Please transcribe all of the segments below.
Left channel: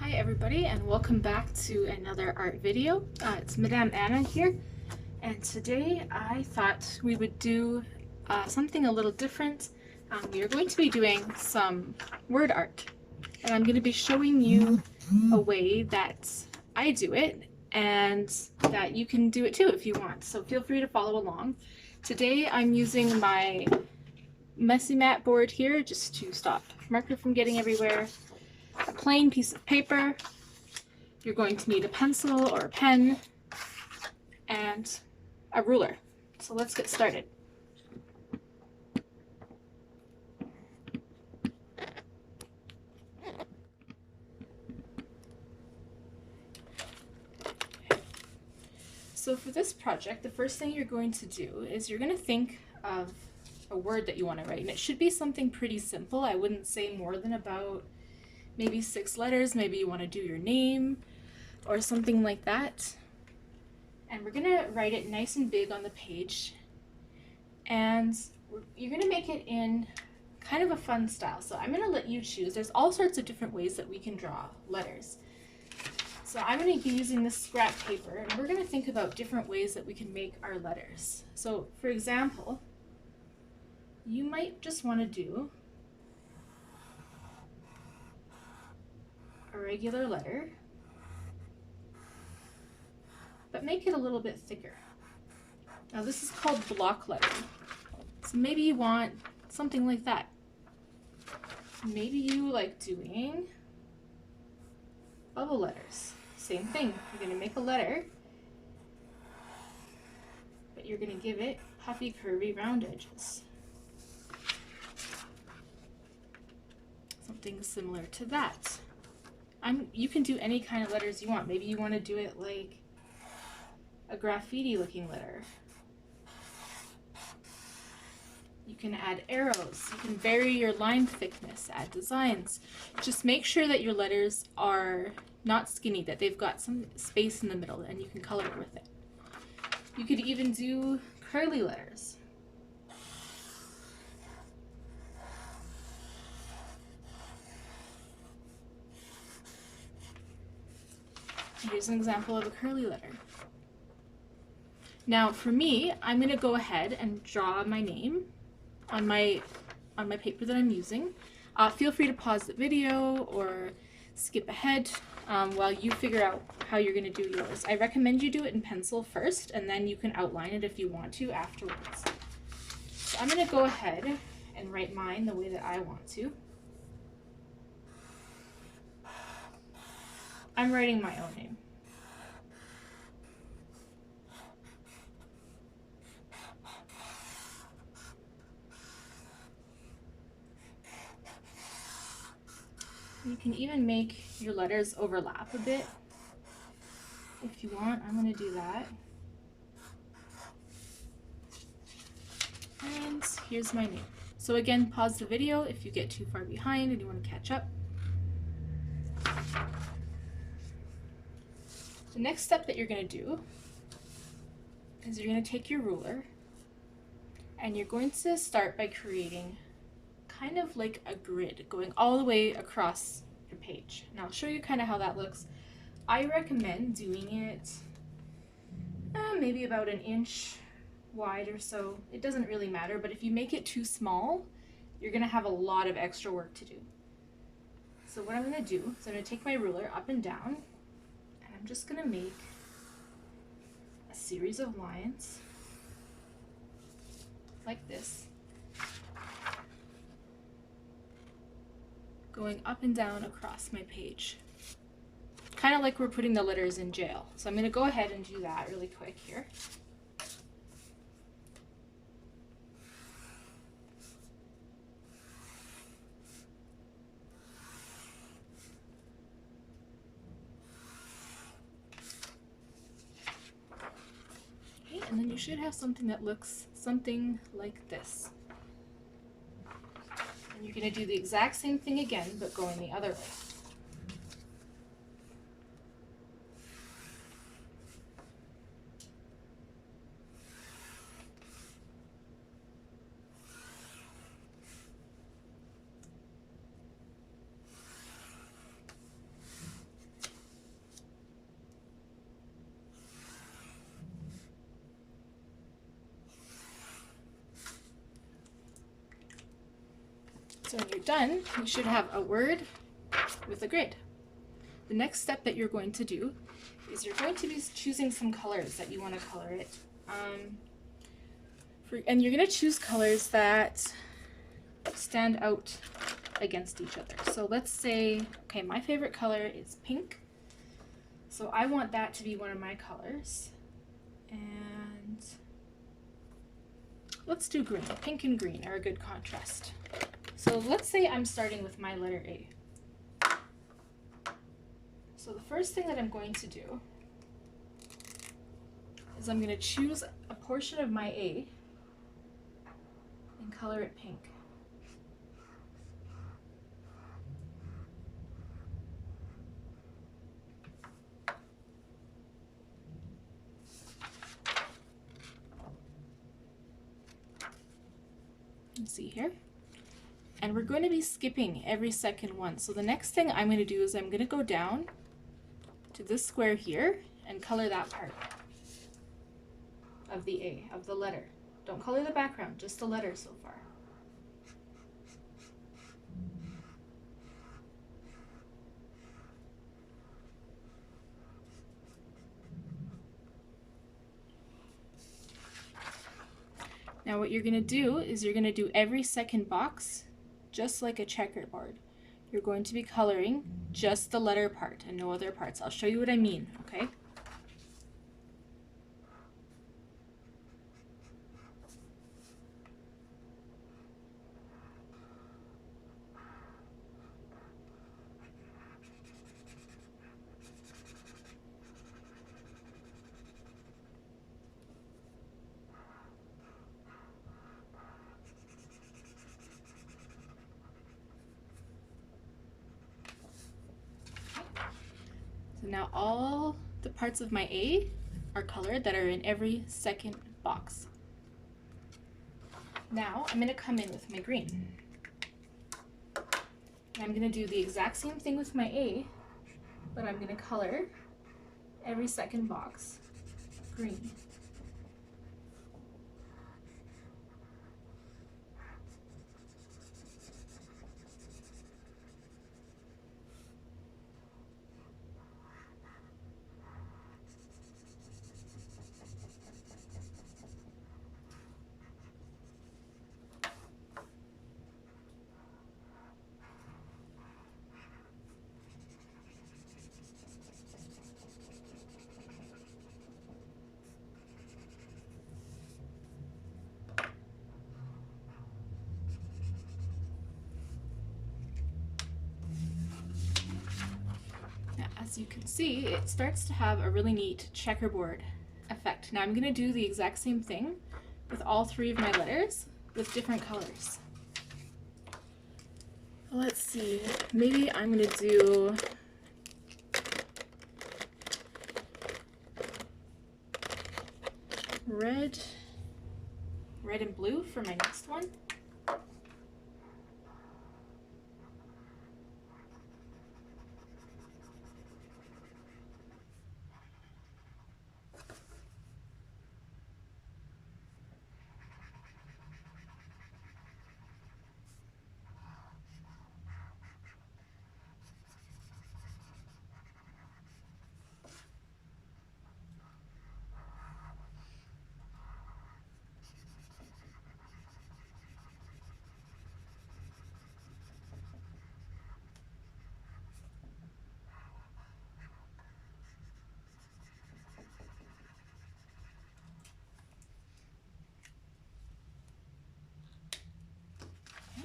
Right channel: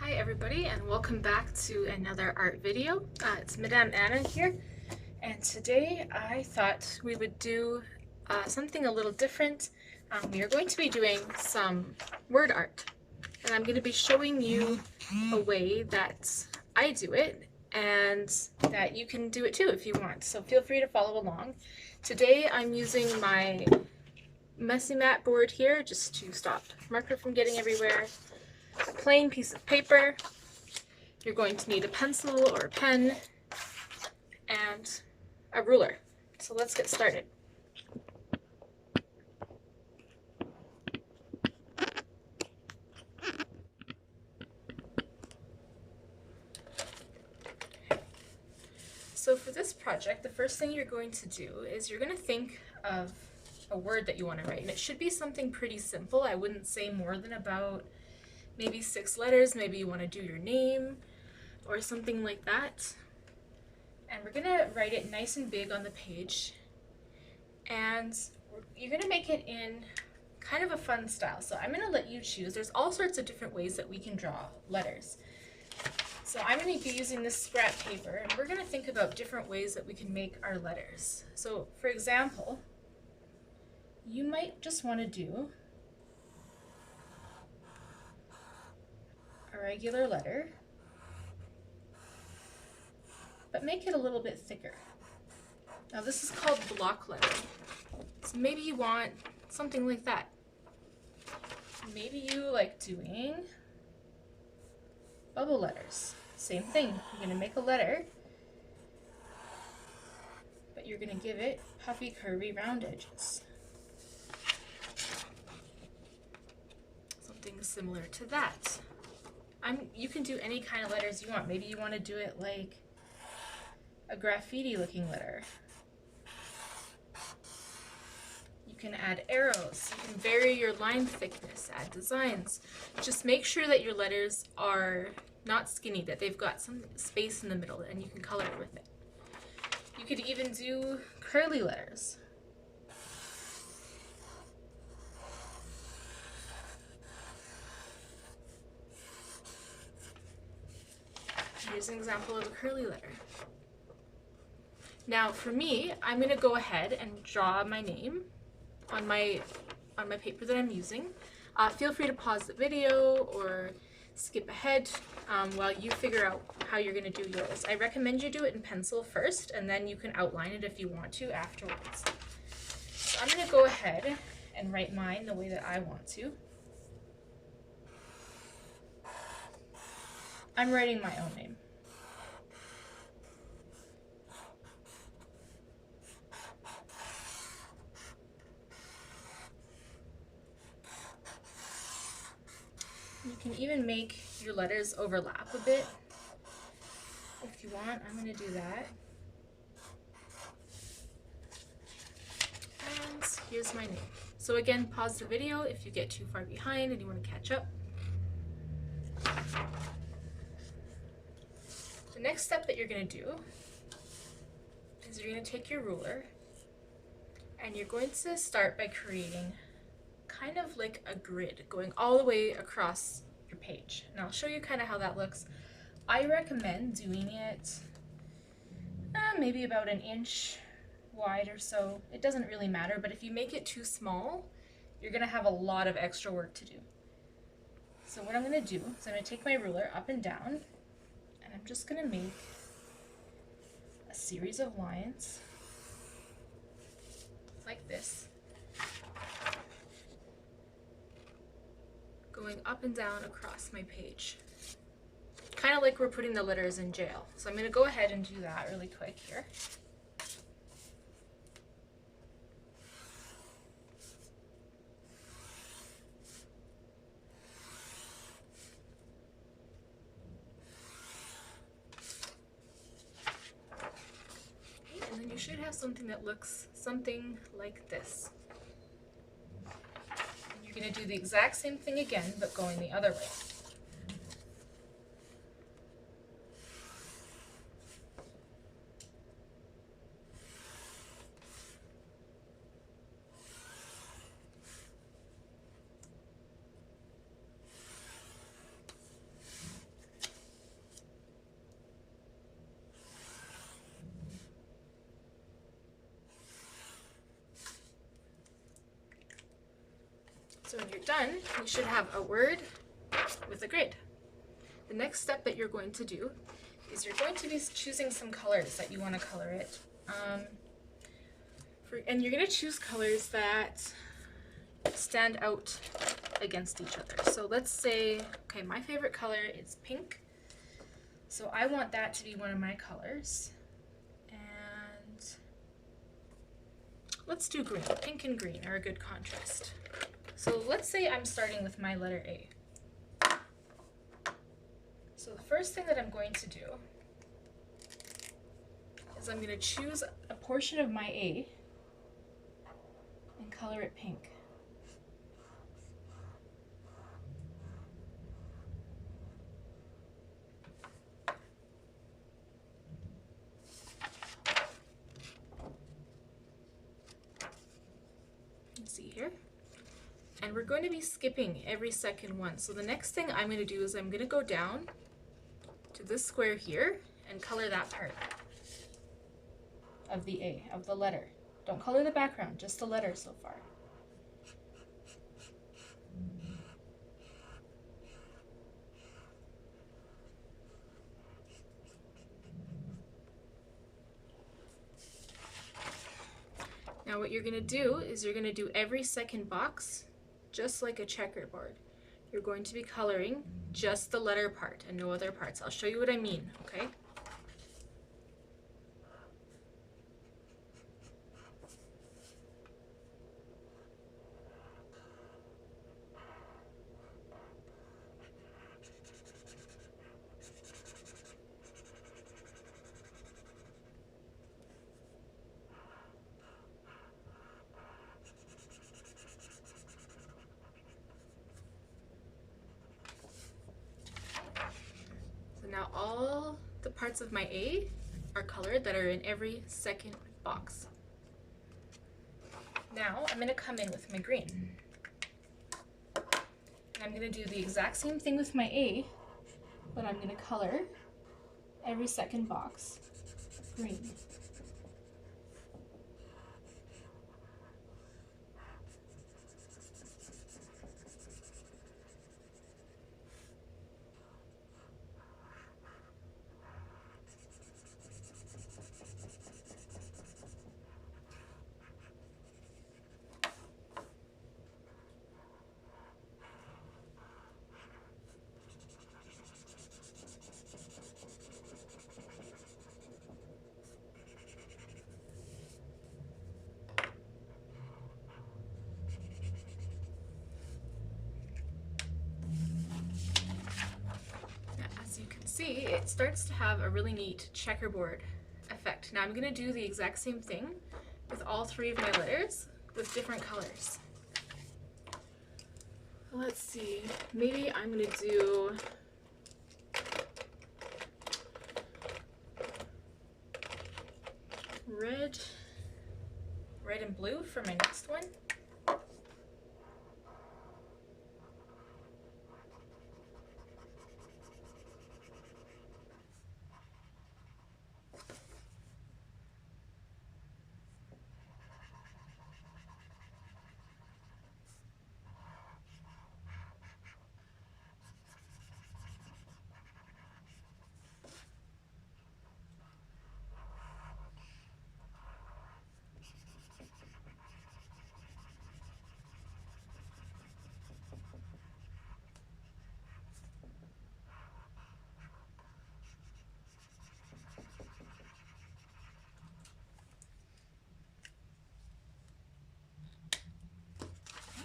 Hi everybody, and welcome back to another art video. It's Madame Anna here, and today I thought we would do something a little different. We are going to be doing some word art, and I'm going to be showing you a way that I do it and that you can do it too if you want, so feel free to follow along. Today I'm using my messy mat board here just to stop marker from getting everywhere, a plain piece of paper. You're going to need a pencil or a pen and a ruler. So let's get started. So for this project, the first thing you're going to do is you're going to think of a word that you want to write, and it should be something pretty simple. I wouldn't say more than about maybe 6 letters. Maybe you want to do your name or something like that. And we're going to write it nice and big on the page, and you're going to make it in kind of a fun style. So I'm going to let you choose. There's all sorts of different ways that we can draw letters. So I'm going to be using this scrap paper, and we're going to think about different ways that we can make our letters. So for example, you might just want to do a regular letter, but make it a little bit thicker. Now this is called block lettering. So maybe you want something like that. Maybe you like doing bubble letters. Same thing, you're going to make a letter, but you're going to give it puffy, curvy, round edges. Something similar to that. You can do any kind of letters you want. Maybe you want to do it like a graffiti looking letter. You can add arrows, you can vary your line thickness, add designs. Just make sure that your letters are not skinny, that they've got some space in the middle, and you can color with it. You could even do curly letters. Here's an example of a curly letter. Now for me, I'm going to go ahead and draw my name on my paper that I'm using. Feel free to pause the video or skip ahead while you figure out how you're going to do yours. I recommend you do it in pencil first, and then you can outline it if you want to afterwards. So I'm going to go ahead and write mine the way that I want to. I'm writing my own name. You can even make your letters overlap a bit if you want. I'm going to do that. And here's my name. So again, pause the video if you get too far behind and you want to catch up. The next step that you're going to do is you're going to take your ruler and you're going to start by creating kind of like a grid going all the way across your page. And I'll show you kind of how that looks. I recommend doing it maybe about an inch wide or so. It doesn't really matter, but if you make it too small, you're going to have a lot of extra work to do. So what I'm going to do is I'm going to take my ruler up and down, and I'm just going to make a series of lines like this, going up and down across my page. Kind of like we're putting the letters in jail. So I'm going to go ahead and do that really quick here. Okay, and then you should have something that looks something like this. And you're going to do the exact same thing again, but going the other way. So when you're done, you should have a word with a grade. The next step that you're going to do is you're going to be choosing some colors that you want to color it. And you're going to choose colors that stand out against each other. So let's say, okay, my favorite color is pink. So I want that to be one of my colors. And let's do green. Pink and green are a good contrast. So let's say I'm starting with my letter A. So the first thing that I'm going to do is I'm going to choose a portion of my A and color it pink. You see here? And we're going to be skipping every second one. So the next thing I'm going to do is I'm going to go down to this square here and color that part of the A, of the letter. Don't color the background, just the letter so far. Now what you're going to do is you're going to do every second box just like a checkerboard. You're going to be coloring just the letter part and no other parts. I'll show you what I mean, okay? So now all the parts of my A are colored that are in every second box. Now I'm going to come in with my green. I'm going to do the exact same thing with my A, but I'm going to color every second box green. As you can see, it starts to have a really neat checkerboard effect. Now I'm going to do the exact same thing with all three of my letters with different colors. Let's see, maybe I'm going to do red and blue for my next one.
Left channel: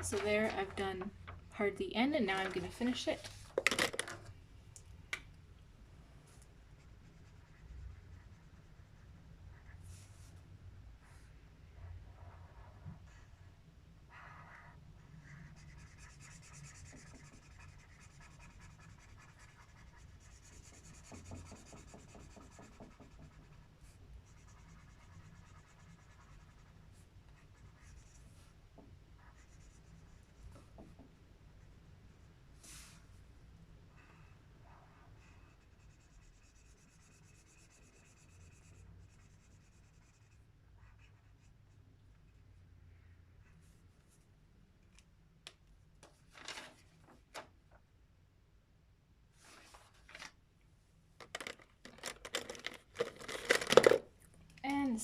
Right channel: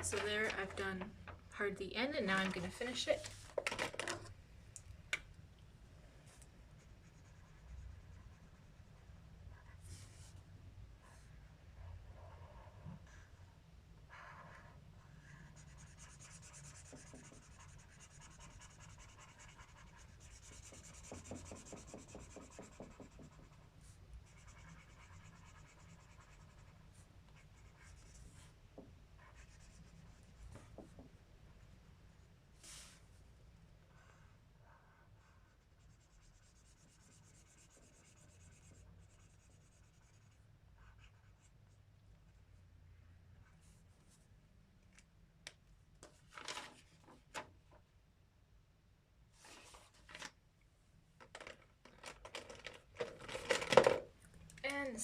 So there, I've done part of the end, and now I'm going to finish it.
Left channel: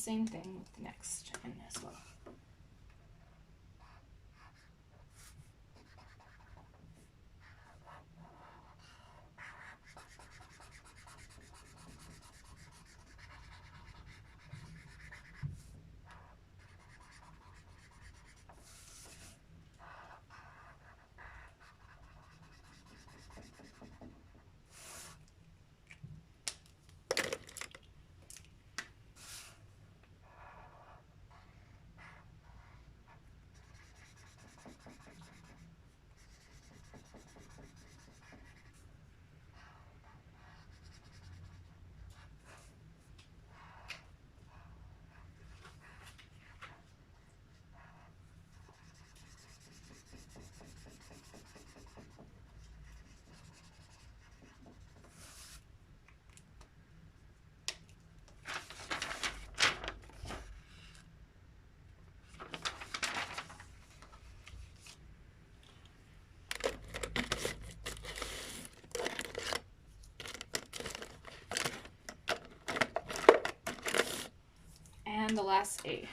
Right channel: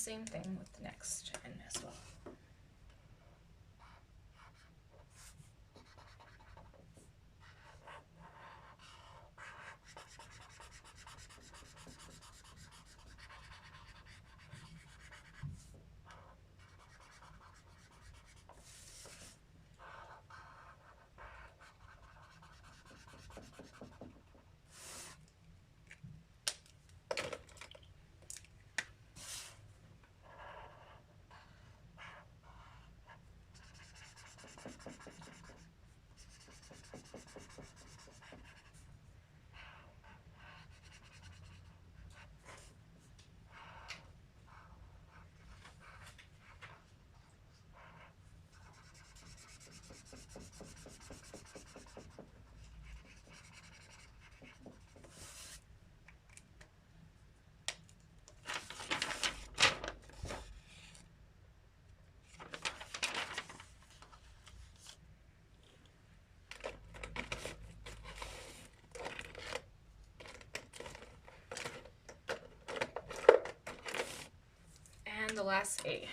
same thing with the next end as well. And the last A.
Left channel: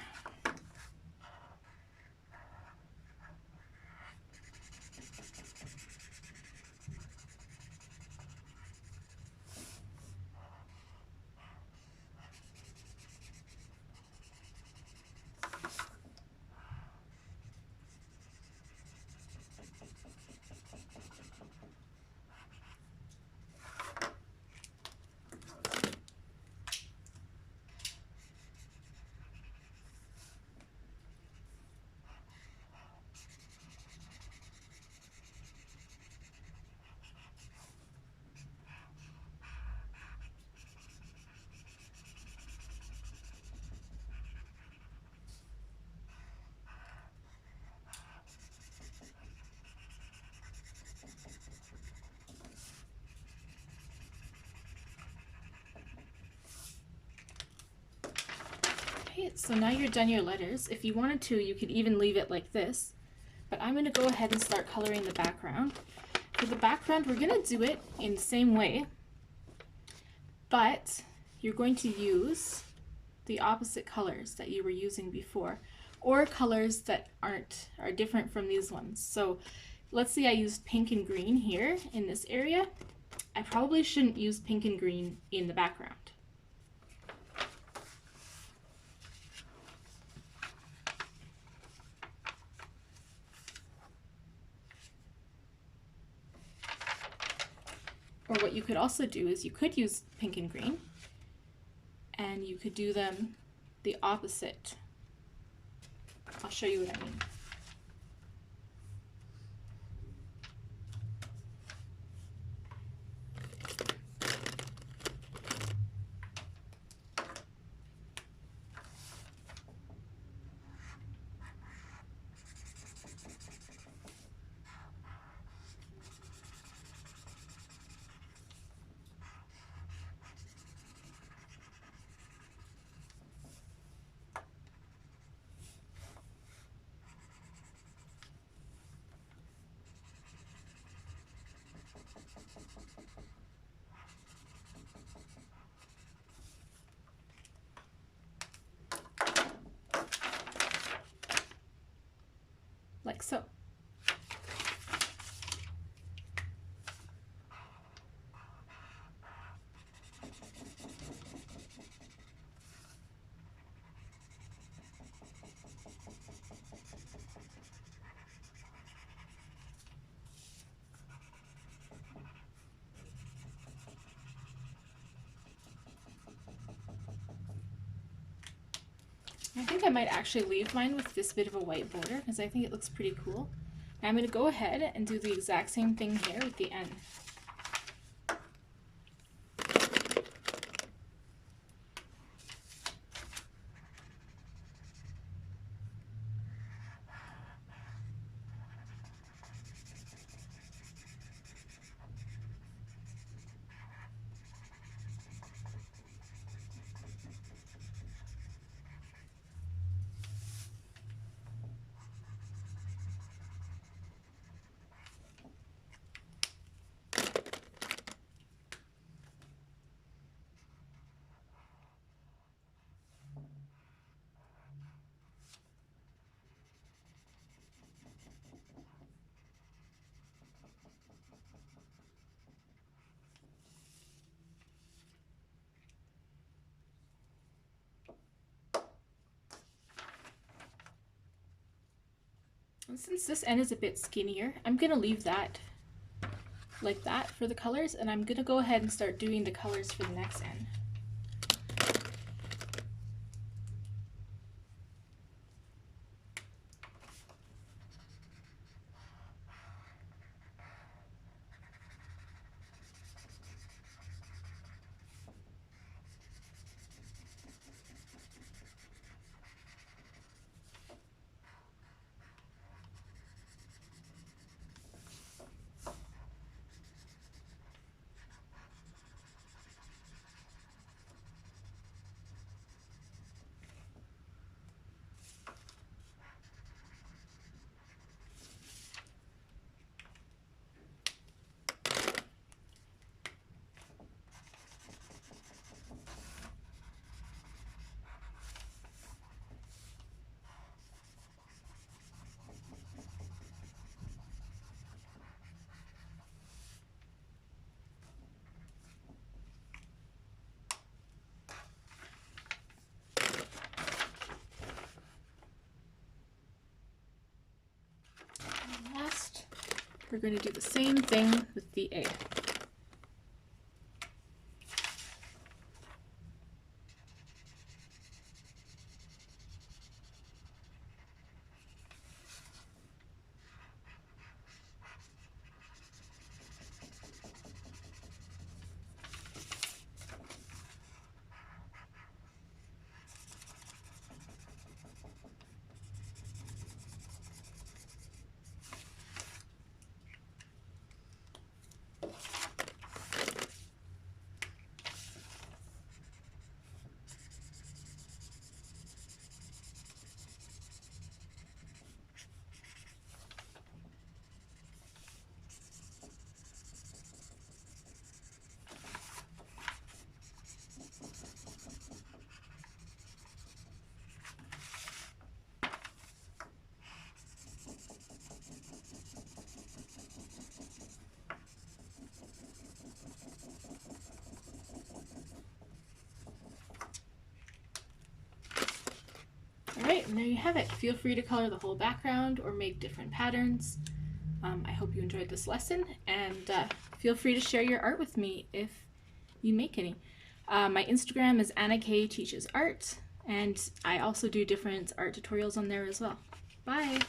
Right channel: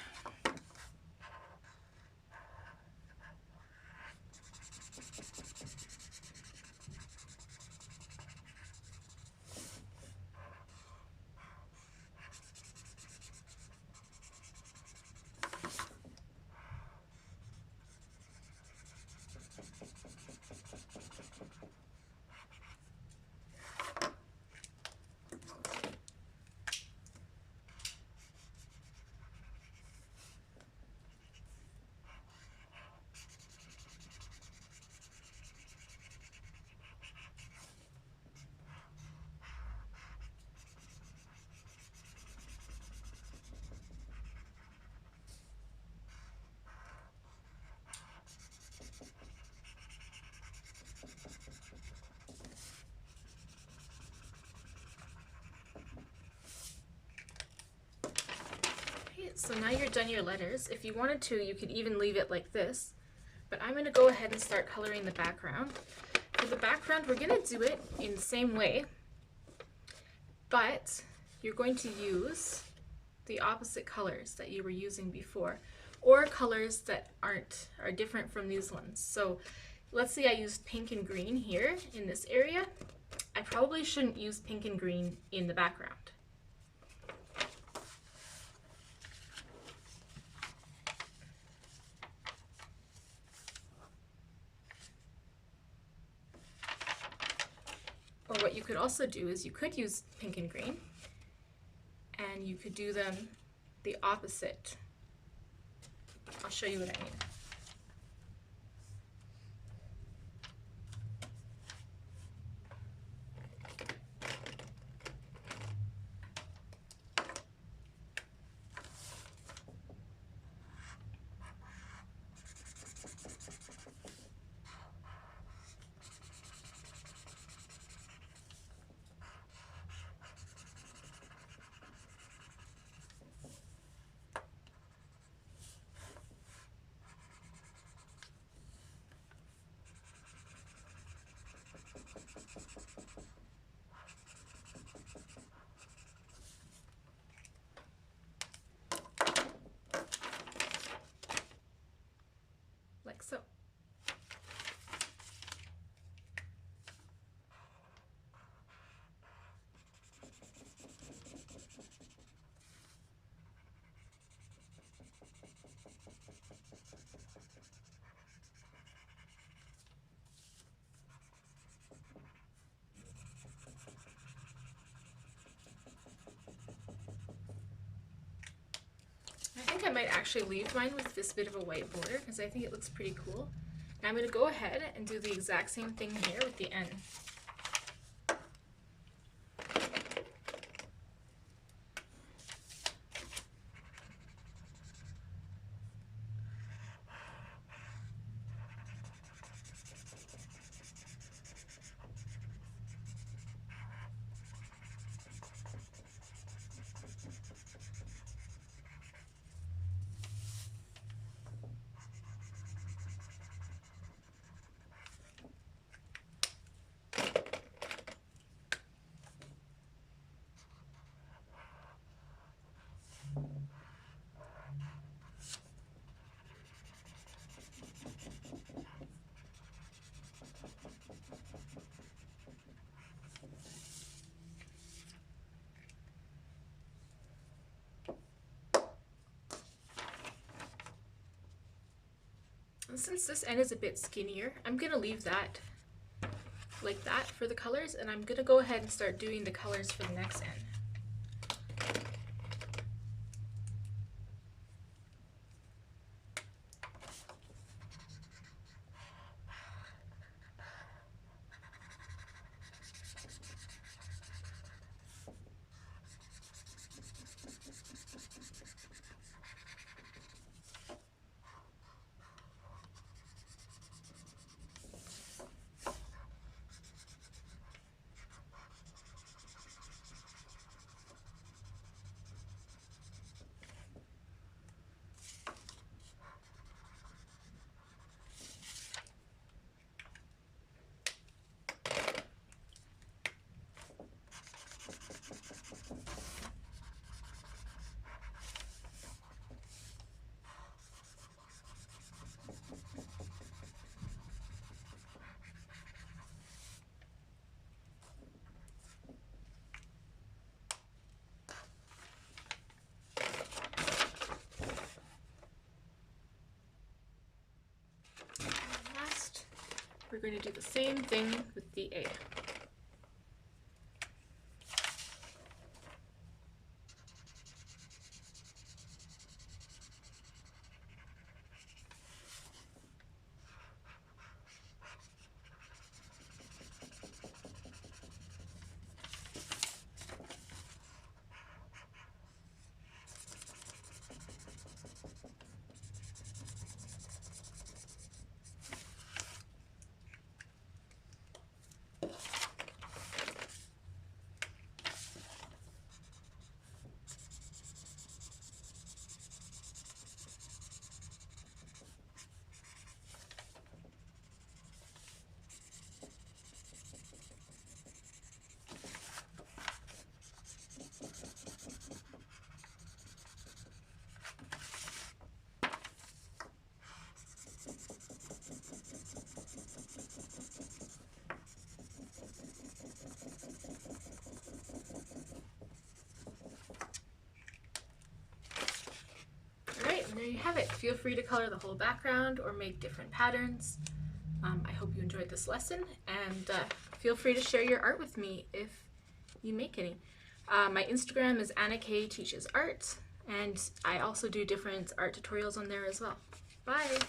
So now you're done your letters. If you wanted to, you could even leave it like this, but I'm going to go ahead and start coloring the background. For the background, we're going to do it in the same way, but you're going to use the opposite colors that you were using before, or colors that are different from these ones. So let's say I used pink and green here in this area. I probably shouldn't use pink and green in the background. Or what you could also do is you could use pink and green, and you could do them the opposite. I'll show you what I mean. Like so. I think I might actually leave mine with this bit of a white border because I think it looks pretty cool. Now I'm going to go ahead and do the exact same thing here with the N. So since this end is a bit skinnier, I'm gonna leave that like that for the colors, and I'm gonna go ahead and start doing the colors for the next end. We're going to do the same thing with the A. Alright, and there you have it. Feel free to color the whole background or make different patterns. I hope you enjoyed this lesson, and feel free to share your art with me if you make any. My Instagram is Anna K Teaches Art, and I also do different art tutorials on there as well. Bye!